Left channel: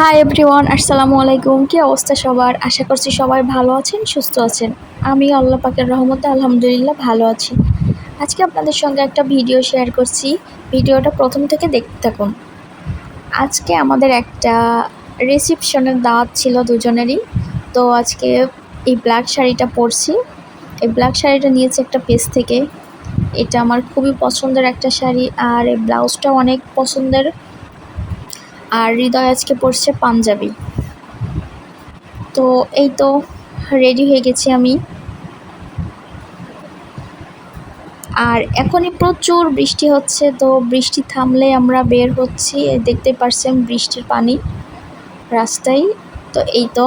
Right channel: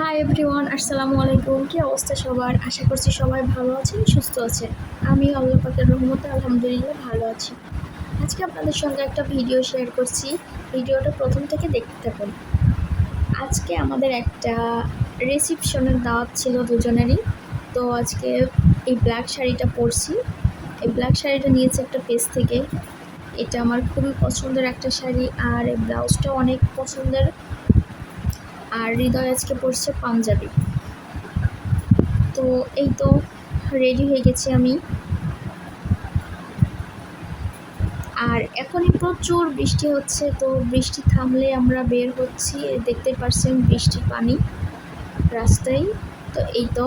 Hi everyone, আসসালামু আলাইকুম। কি অবস্থা সবার? আশা করছি সবাই ভালো আছেন, সুস্থ আছেন। আমি আল্লাহ পাকের রহমতে আলহামদুলিল্লাহ ভালো আছি। আজকে আপনাদের সঙ্গে একটা ভিডিও শেয়ার করছি। ভিডিওটা প্রথম থেকে দেখতে থাকুন। আজকে আমাদের একটা রিসেপশনের দাওয়াত ছিল দুজনেরই। তো আজকে এই ব্ল্যাক শাড়িটা পরছি। এই ব্ল্যাক শাড়িটা নিয়েছি একটা পেজ থেকে। এটা আমার খুবই পছন্দের একটা শাড়ি, আর এই ব্লাউজটাও অনেক পছন্দের। আর হৃদয় আজকে পরছে পাঞ্জাবি। তো এই তো রেডি হয়ে গেছি আমি। আর এখনই প্রচুর বৃষ্টি হচ্ছে, তো বৃষ্টি থামলে আমরা বের হচ্ছি। দেখতে পারছেন বৃষ্টির পানি রাস্তায়। তো এই তো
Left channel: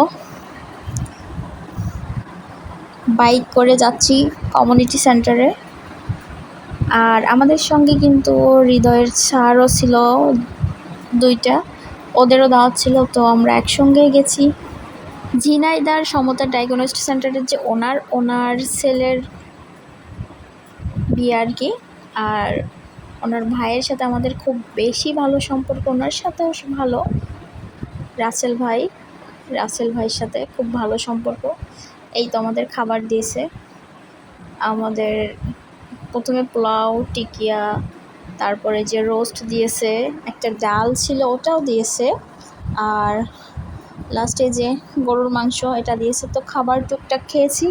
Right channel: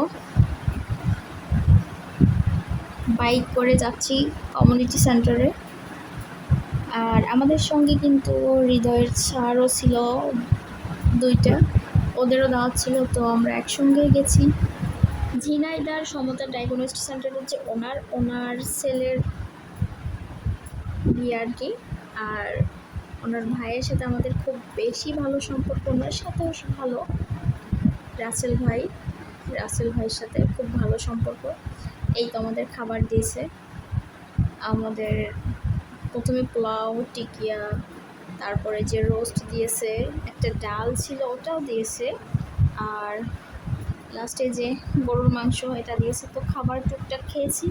বাইক করে যাচ্ছি কমিউনিটি সেন্টারে। আর আমাদের সঙ্গে কিন্তু হৃদয়ের স্যারও ছিল দুইটা, ওদেরও দাওয়াত ছিল। তো আমরা একসঙ্গেই গেছি। ঝিনাইদার সমতা ডায়াগনস্টিক সেন্টারের যে ওনার ছেলের বিয়ে আর কি। আর ওনার ভাইয়ের সাথে আমাদের খুব বেশি ভালো সম্পর্ক, ওনার সাথেও ভালো। রাসেল ভাইয়ের সাথে খুব ভালো সম্পর্ক। এই তো আমাদের খাবার দিয়েছে। আমাদের প্রথমে পোলাও, টিকিয়া, তারপরে যে রোস্ট দিয়েছে, একটা ডাল ছিল ওটাও দিয়েছে, আর লাস্টে যে গরুর মাংস এটা দিয়েছে। তো খাবার টুকটাক খেয়েছি।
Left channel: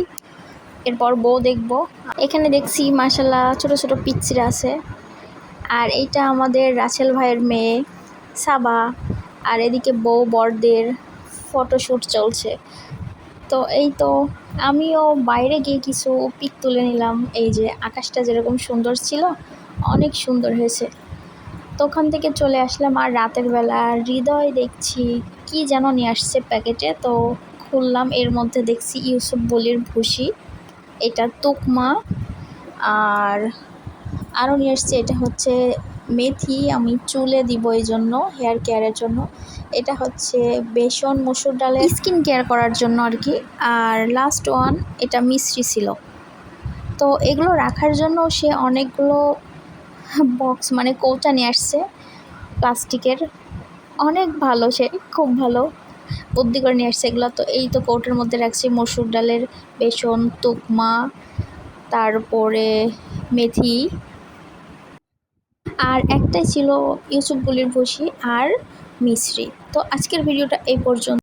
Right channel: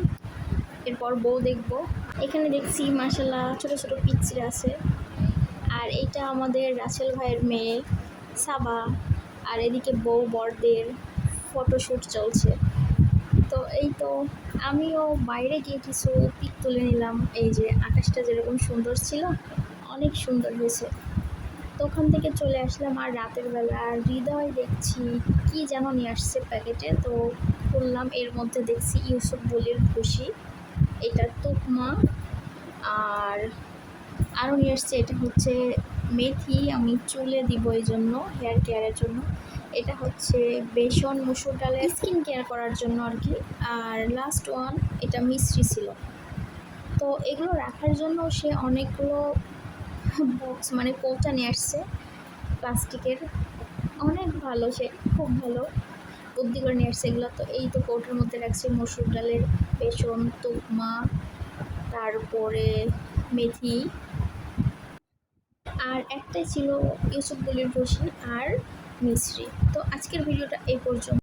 এরপর বউ দেখবো। এখানে দেখছি মাশাল্লাহ ছোট ছোট পিচ্চিরা আছে। আর এইটা আমাদের রাসেল ভাইয়ের মেয়ে সাবা। আর এদিকে বউ বরদের ফটোশ্যুট চলছে। তো এই তো আমিও বাইরে গিয়ে কিছু পিক তুলে নিলাম। এই যে আকাশটা যেরকম সুন্দর ছিল, অনেক সুন্দর হয়েছে। তো ওখান থেকে চলে আসলাম। আর রাতের বেলা হৃদয় দেখছি কি যেন নিয়ে আসছে প্যাকেটে। তো খুললাম, এর মধ্যে দেখছি ইউসুফ বলির ভুসি, এটা তুকমা, আর আরও নিয়ে এসছে এটা হচ্ছে মেথি, আমি চুলে দিব এই জন্য, হেয়ার কেয়ারের জন্য। এটা হচ্ছে বেসন মসুর ডালের স্কিন কেয়ার করার জন্য আর কি। আর লাস্ট ওয়ান এটা মিশ্রি ছিল। তো এগুলো রাখার জন্য সে অনেকগুলো বক্স মানে কৌটা নিয়ে আসছে প্লাস্টিকের। অনেক ভালো, সে খুব ভালো বুদ্ধি করে নিয়ে আসছে এগুলো। তো এই তো কৌটার মধ্যে রাখছি মসুর ডালের বেসন, তুকমা, তারপরে মেথি, আর একটাই ছিল ইউসুফ বলির ভুসি আর মিশ্রি। তো আজকের ভিডিওটা এই পর্যন্ত।